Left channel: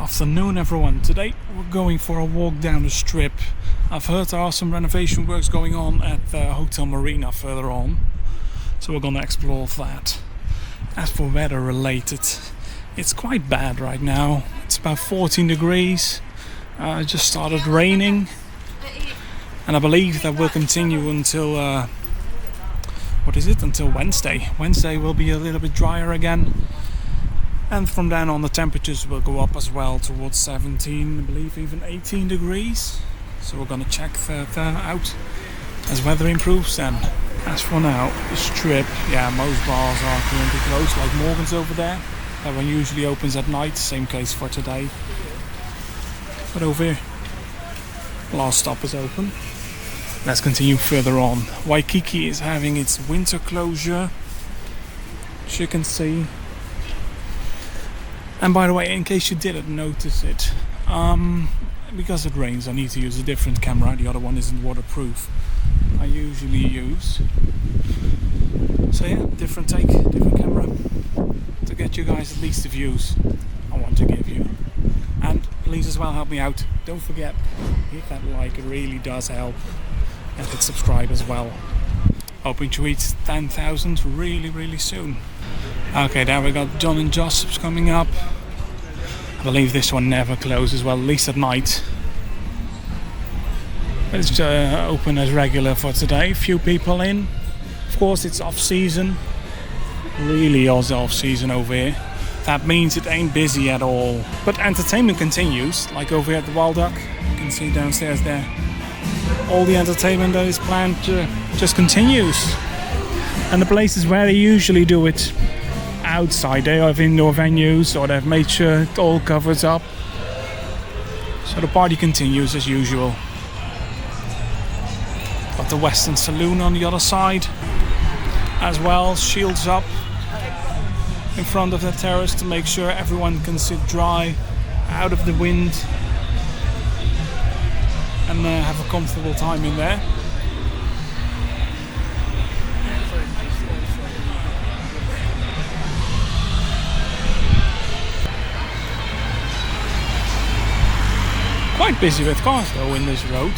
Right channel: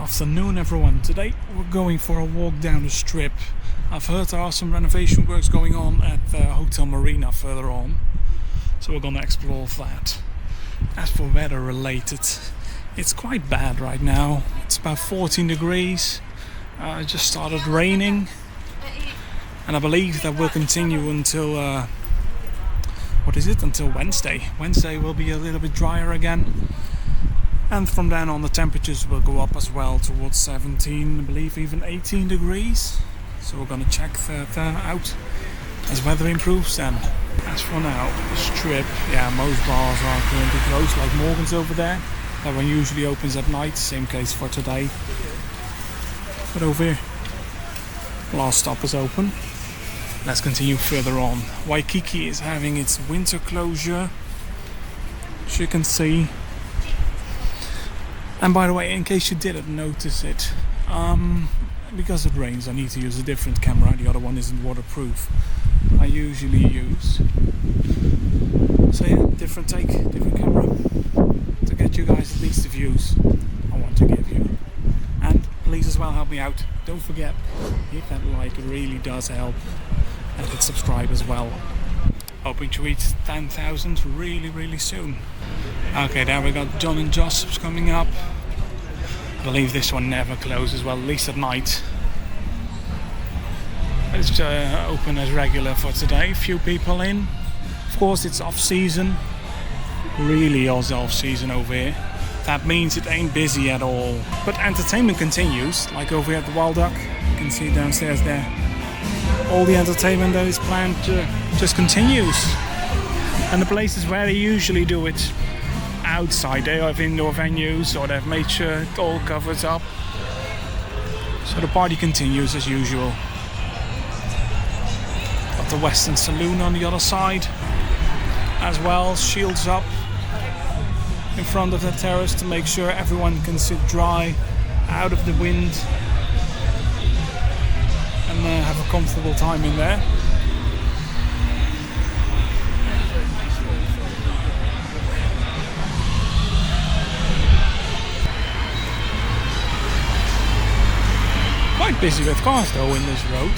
Afternoon everyone, today we're going for a walk down the strip. I've heard there are some renovation works going on at Hotel Marina further on, so we're gonna explore that. As for weather related, it's quite bad right now. It's about 14 degrees, it just started raining, and I believe that will continue until until Wednesday. Wednesday will be a little bit drier again. And from then on the temperatures will go up as well towards 17, I believe even 18 degrees. So we're going to check that out as weather improves then. As for now, the strip, yeah, most bars are currently closed, like Morgan's over there. That one usually opens at night, same case for today. But over here, last stop is open. Let's continue further on. Waikiki is having its winter closure, as you can see. And by the way, in case you didn't notice it, because it rains I need to use a different camera. The other one isn't waterproof. I usually use. So yeah, different take, different camera to get you guys at least the views I want to give you. And please as well help me out. Don't forget, hit that like, it really does help. And hit subscribe as well. Hoping to reach 10,000 really soon. Okay, there we got John and Joseph's coming up. I believe this one never closes, well, at least at night. It's open as regular for today. Few people in. Of course, it's off season. Really off season over here. That means it ain't busy at all. But entertainment continues, like over here at the Wild Duck. You can see downstairs there. All the entertainment that is planned just continues. And the places where they usually do it outside, they have indoor venues, or they've made sure it all covers up. So the party continues as usual. Got the Western Saloon on the other side as well, shields up in front of the terrace to make sure everyone can sit dry out of the wind and have a comfortable time in there. Quite busy with cars though in this road.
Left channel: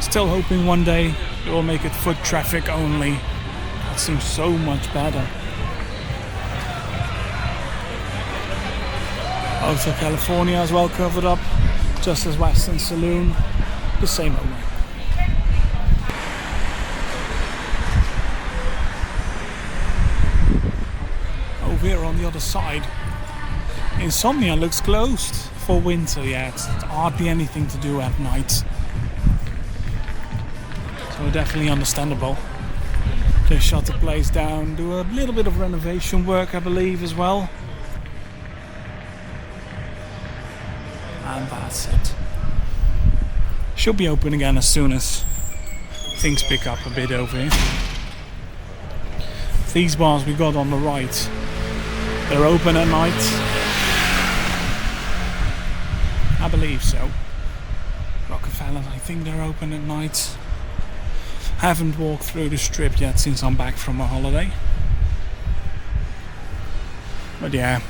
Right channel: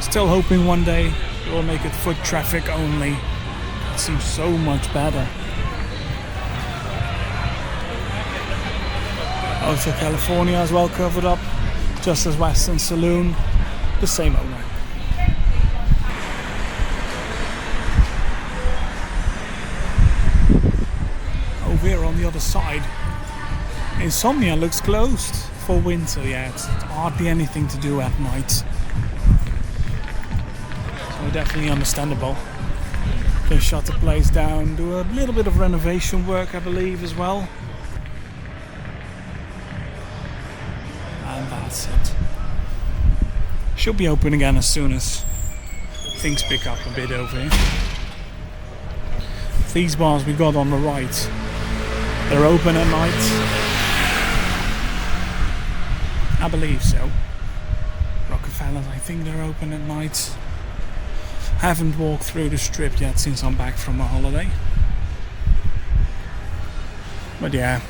Still hoping one day it will make it foot traffic only. It seems so much better. Hotel California as well covered up, just as Western Saloon, the same owner. Over here on the other side, Insomnia looks closed for winter yet. Hardly anything to do at night. So definitely understandable. They shut the place down, do a little bit of renovation work I believe as well. And that's it. Should be open again as soon as things pick up a bit over here. These bars we got on the right, they're open at night. I believe so. Rockefellers, I think they're open at night. Haven't walked through the strip yet since I'm back from a holiday. But yeah,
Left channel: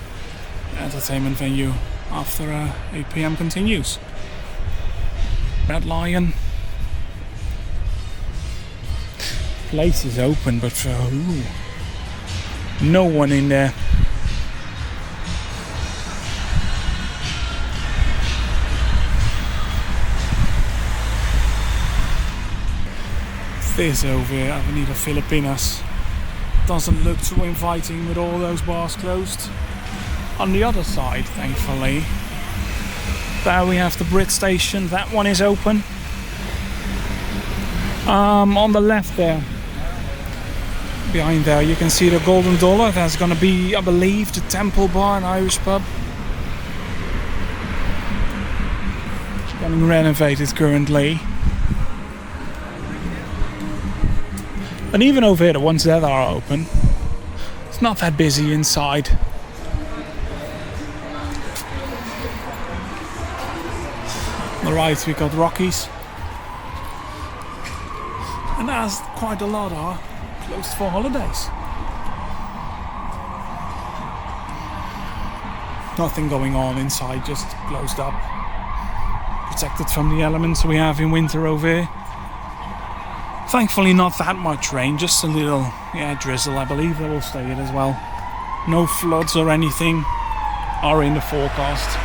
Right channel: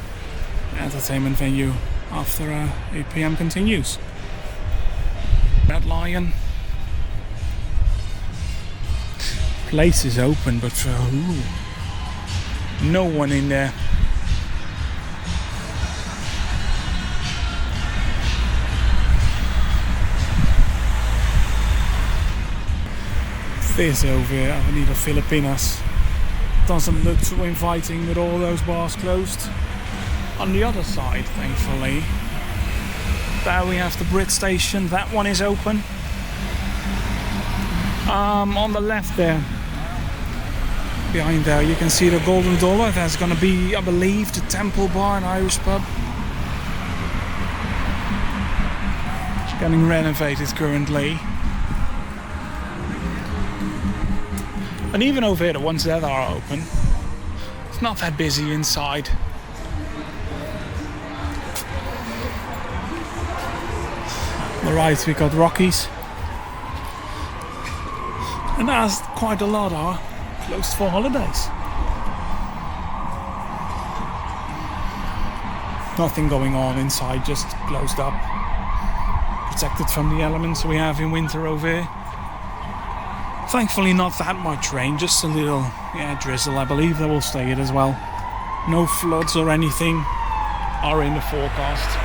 the entertainment venue after 8 PM continues. Red Lion. Place is open, but no one in there. This over here, Avenida Filipinas, doesn't look too inviting with all those bars closed. On the other side, thankfully, there we have the Brit station, that one is open. On the left there, behind there, you can see the Golden Dollar. That's gonna be, I believe, the Temple Bar, an Irish pub. It's getting renovated currently. And even over here, the ones that are open, it's not that busy inside. On the right we got Rockies. And as quite a lot are closed for holidays. Nothing going on inside, just closed up. Protected from the elements we have in winter over here. Thankfully not that much rain, just a little drizzle. I believe that will stay it as well. No floods or anything are in the forecast.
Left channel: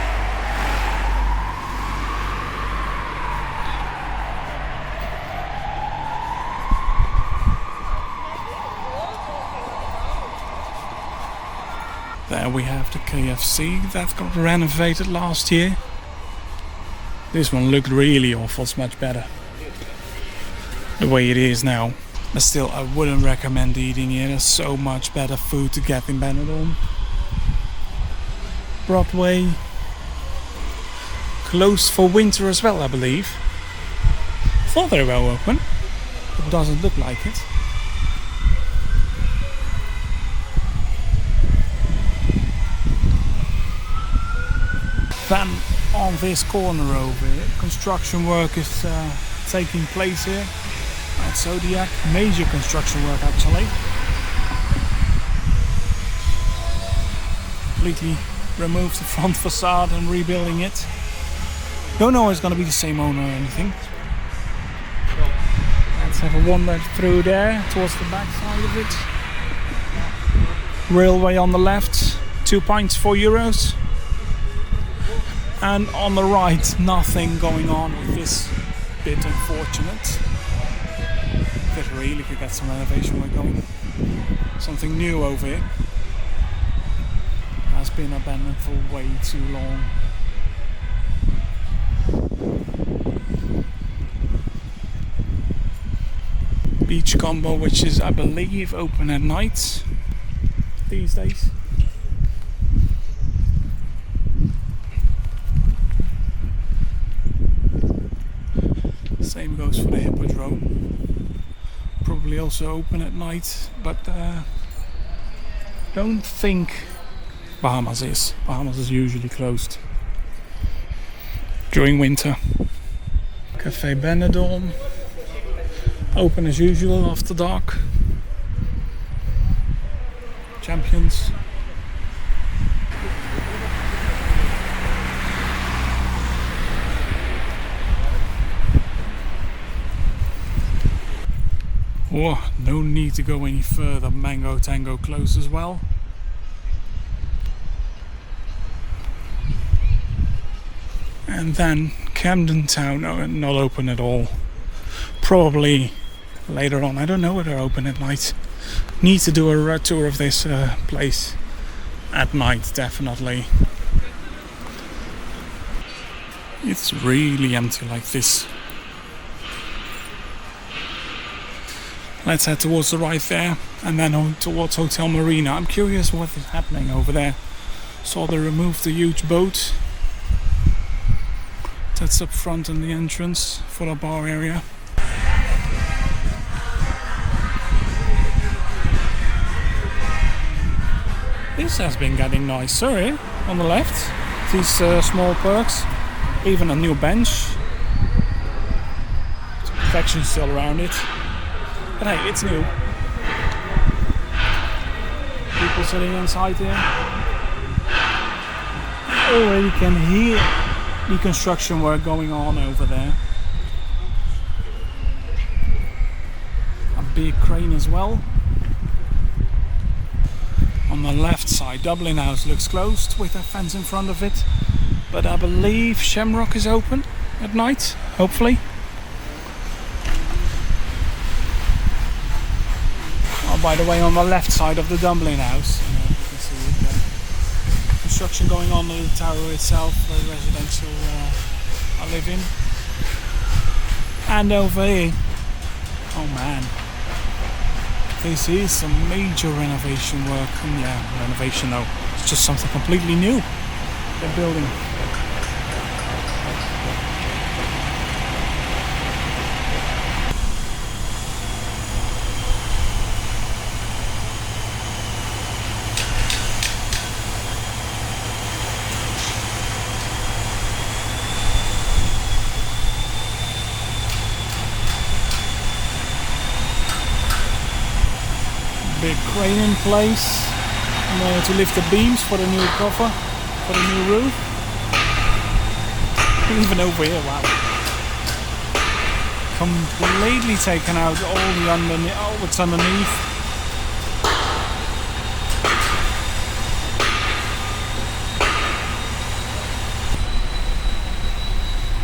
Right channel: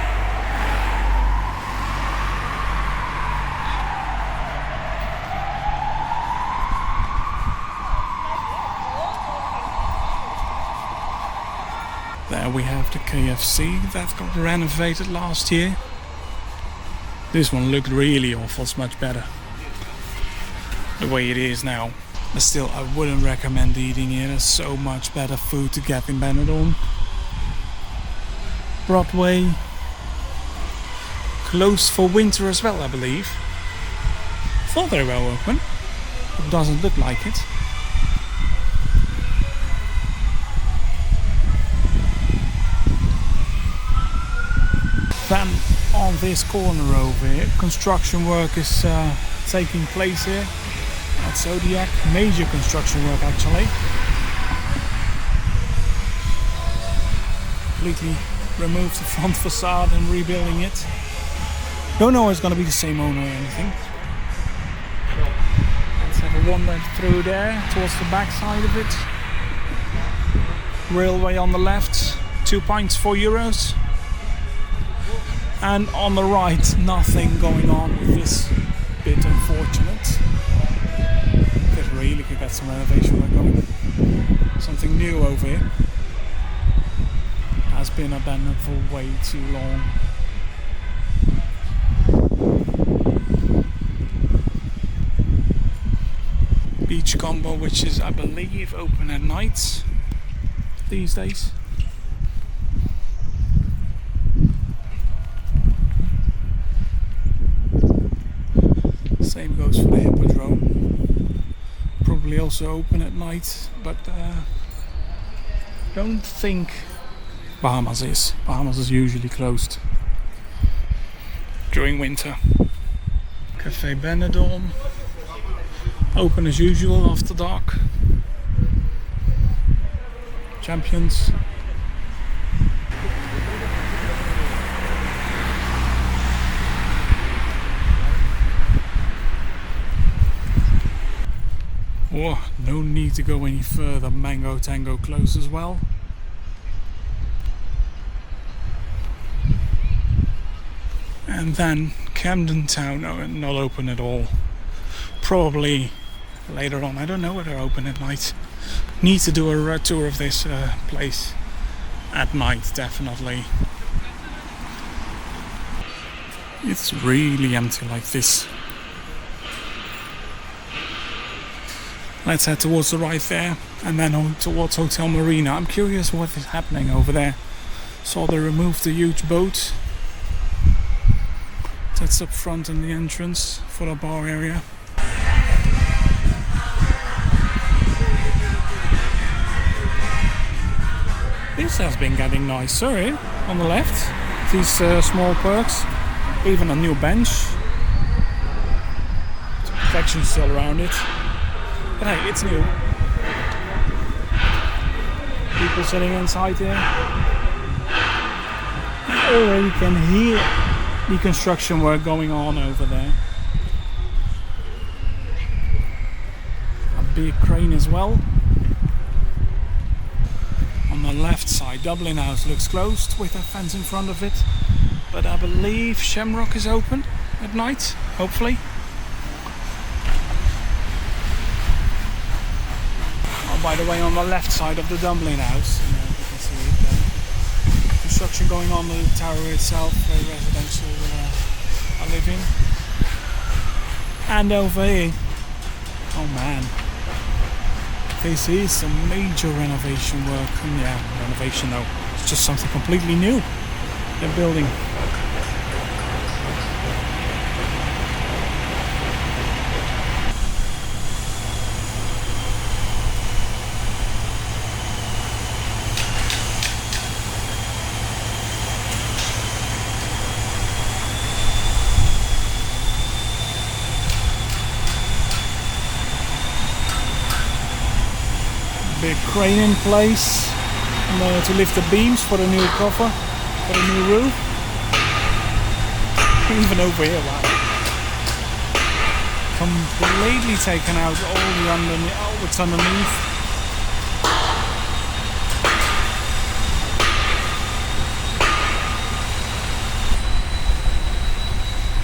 There we have the KFC that got renovated last year. This one looked really awful, it's much better the way it is now. But still, I wouldn't recommend eating here. There's so much better food to get in Benidorm. Broadway closed for winter as well, I believe. Thought they were open, but doesn't look like it. Then on this corner over here, construction work is taking place here at Zodiac. Major construction work actually. Completely removed the front facade and rebuilding it. Don't know if it's going to be the same owner or anything. So let's have a wander through there towards the back side of it. Railway on the left, 2 pints, €4. And on the right, nothing going on with this. Bit unfortunate. It really could get some renovation work going. Something new over here. Has been abandoned for way too long. Beachcomber, which is, I believe, open at night these days. Same goes for the Hippodrome. Probably also open at night, but don't think Bahamas is. Bahamas is usually closed during winter. Café Benidorm, open as usual after dark. Champions. Whoa, no need to go any further. Mango Tango closed as well. And then Camden Town, not open at all. Probably later on. I don't know whether they're open at night. Need to do a tour of this place at night, definitely. It's really empty like this. Let's head towards the right there, and then on towards Hotel Marina. I'm curious what is happening over there. Saw they removed the huge boat. That's up front in the entrance for the bar area. This has been getting nicer here on the left. These small perks, even a new bench. Some protection still around it. But hey, it's new. People sitting inside here. You already can hear the construction work going on over there. A big crane as well. On the left side, Dublin House looks closed with a fence in front of it. But I believe Shamrock is open at night, hopefully. By the way, on the left side of the Dublin House, and you can see it there. Construction going on with the tower itself, where residential I live in. And over here, oh man, this is some major renovation work. And yeah, renovation though, it's just something completely new they're building. Big crane in place to lift the beams for the new cover. for the new roof. Even over here, wow. Completely taken out all the underneath, oh, what's underneath.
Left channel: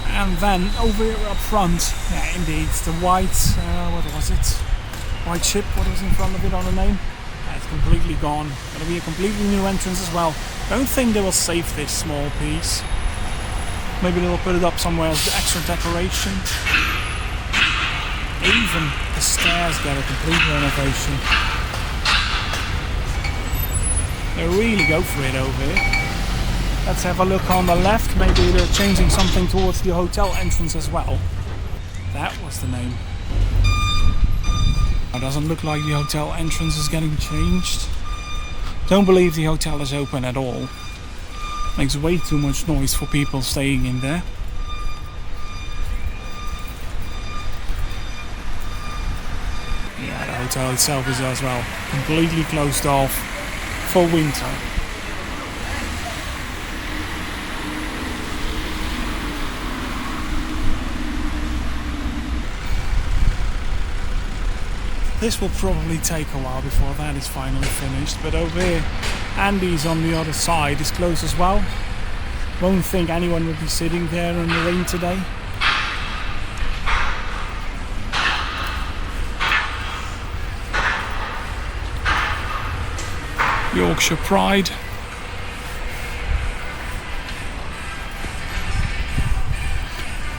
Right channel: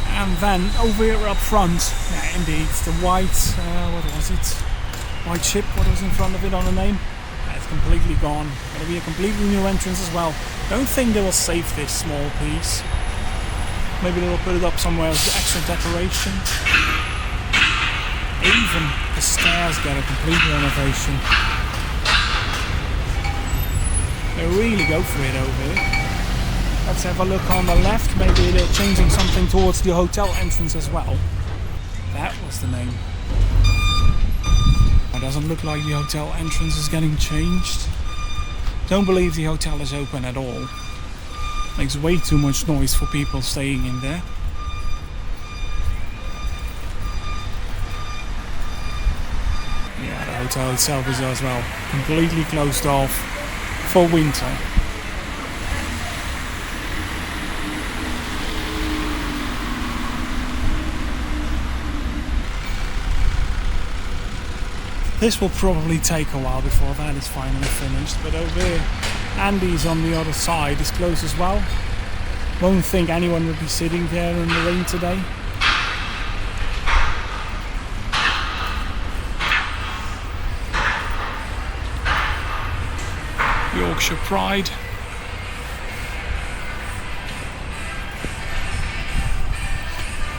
And then over here up front, yeah, indeed, the white, what was it? White ship, what was in front of it on the name? Yeah, it's completely gone. Gonna be a completely new entrance as well. Don't think they will save this small piece. Maybe they will put it up somewhere as extra decoration. Even the stairs get a complete renovation. They really go for it over here. Let's have a look on the left. Maybe they're changing something towards the hotel entrance as well. That was the name. It doesn't look like the hotel entrance is getting changed. Don't believe the hotel is open at all. Makes way too much noise for people staying in there. Yeah, the hotel itself is as well completely closed off for winter. This will probably take a while before that is finally finished, but over here, Andy's on the other side is closed as well. Won't think anyone would be sitting there in the rain today. Yorkshire Pride.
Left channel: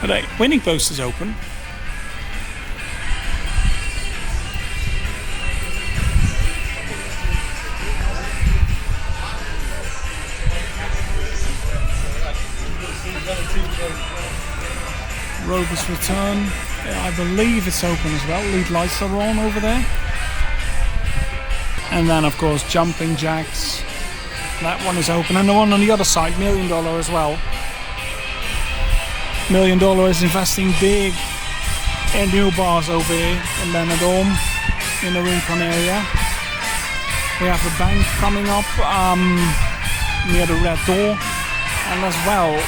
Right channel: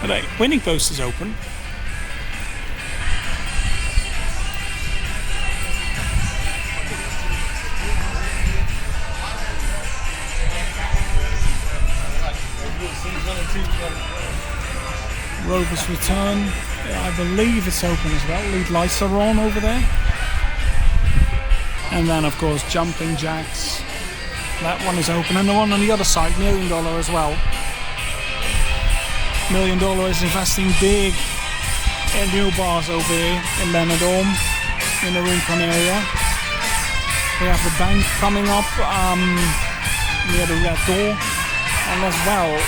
But hey, Winning Post is open. Rover's Return, I believe it's open as well. Lead lights are on over there. And then of course Jumping Jacks. That one is open, and the one on the other side, $1 Million as well. $1 Million is investing big in new bars over here in Benidorm, in the Rincon area. We have the bank coming up near the Red Door, and as well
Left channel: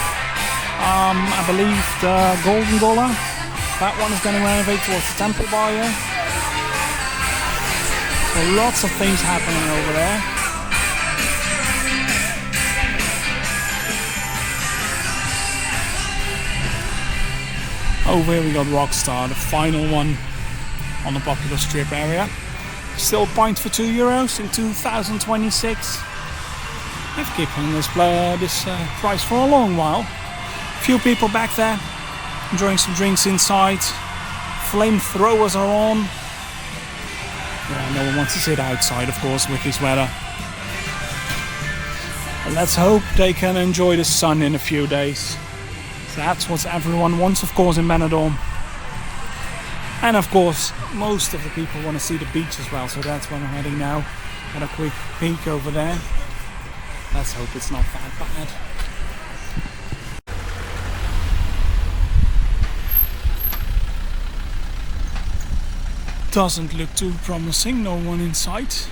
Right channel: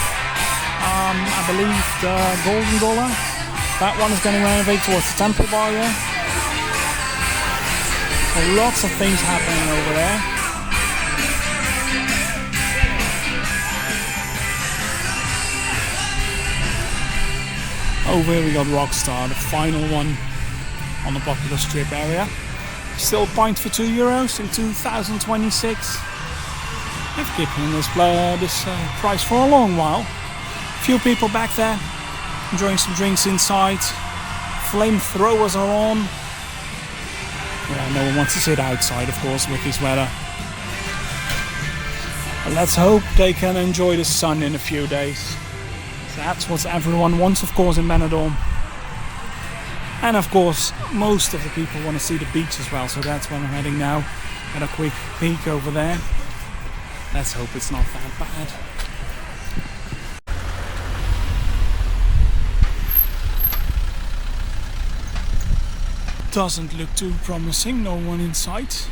I believe the Golden Dollar. That one is getting renovated towards the Temple Bar, yeah. So lots of things happening over there. Over here we got Rockstar, the final one on the popular strip area. Still pint for €2 in 2026. I've keeping this price for a long while. Few people back there enjoying some drinks inside. Flamethrowers are on. Yeah, no one wants to sit outside, of course, with this weather. But let's hope they can enjoy the sun in a few days. That's what everyone wants, of course, in Benidorm. And of course, most of the people want to see the beach as well, so that's where I'm heading now. Got a quick peek over there. Let's hope it's not that bad. Doesn't look too promising, no one in sight.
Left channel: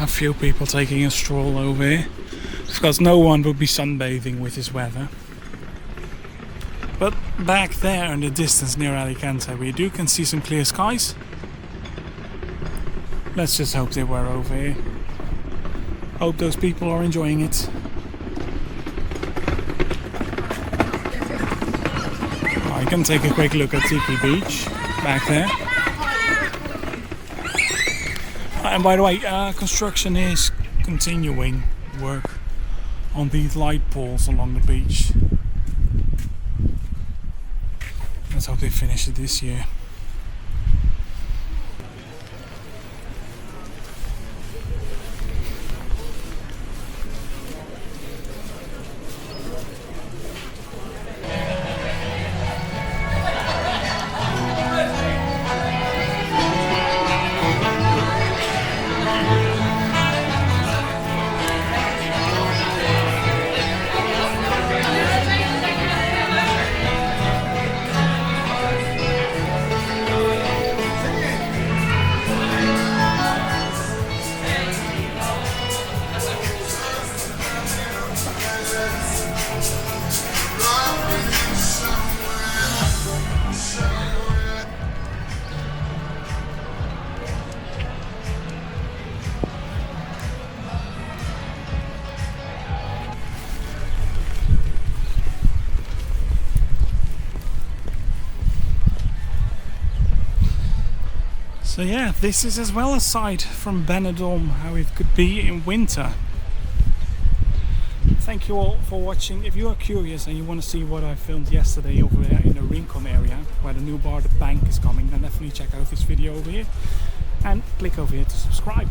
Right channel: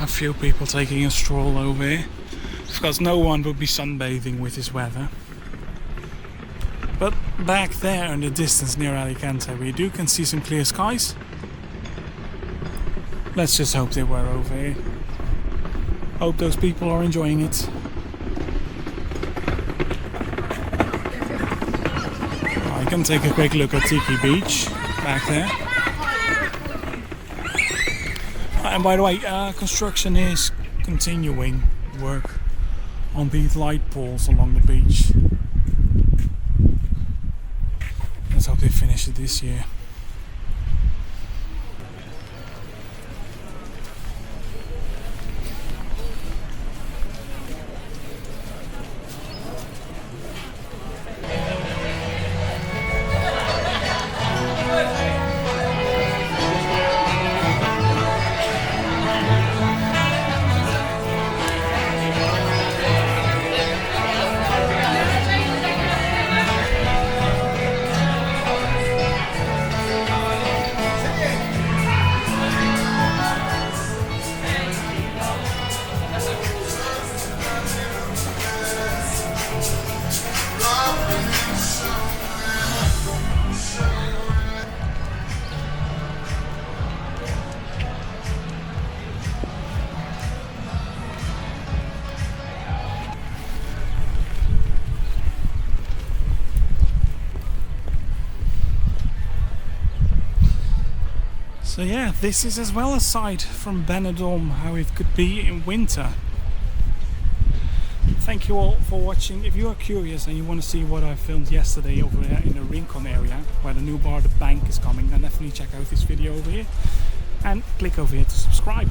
A few people taking a stroll over here, because no one would be sunbathing with this weather. But back there in the distance near Alicante, we can see some clear skies. Let's just hope they were over here. Hope those people are enjoying it. I can take a quick look at Tiki Beach back there. And by the way, construction is continuing work on these light poles along the beach. Let's hope they finish it this year. So yeah, this is as well a sight from Benidorm, how it could be in winter. Thank you all for watching. If you are curious and you want to see what I filmed yesterday over there in the Rincon area, where the new bar, The Bank, is coming, then definitely check out this video over here and click over here to subscribe.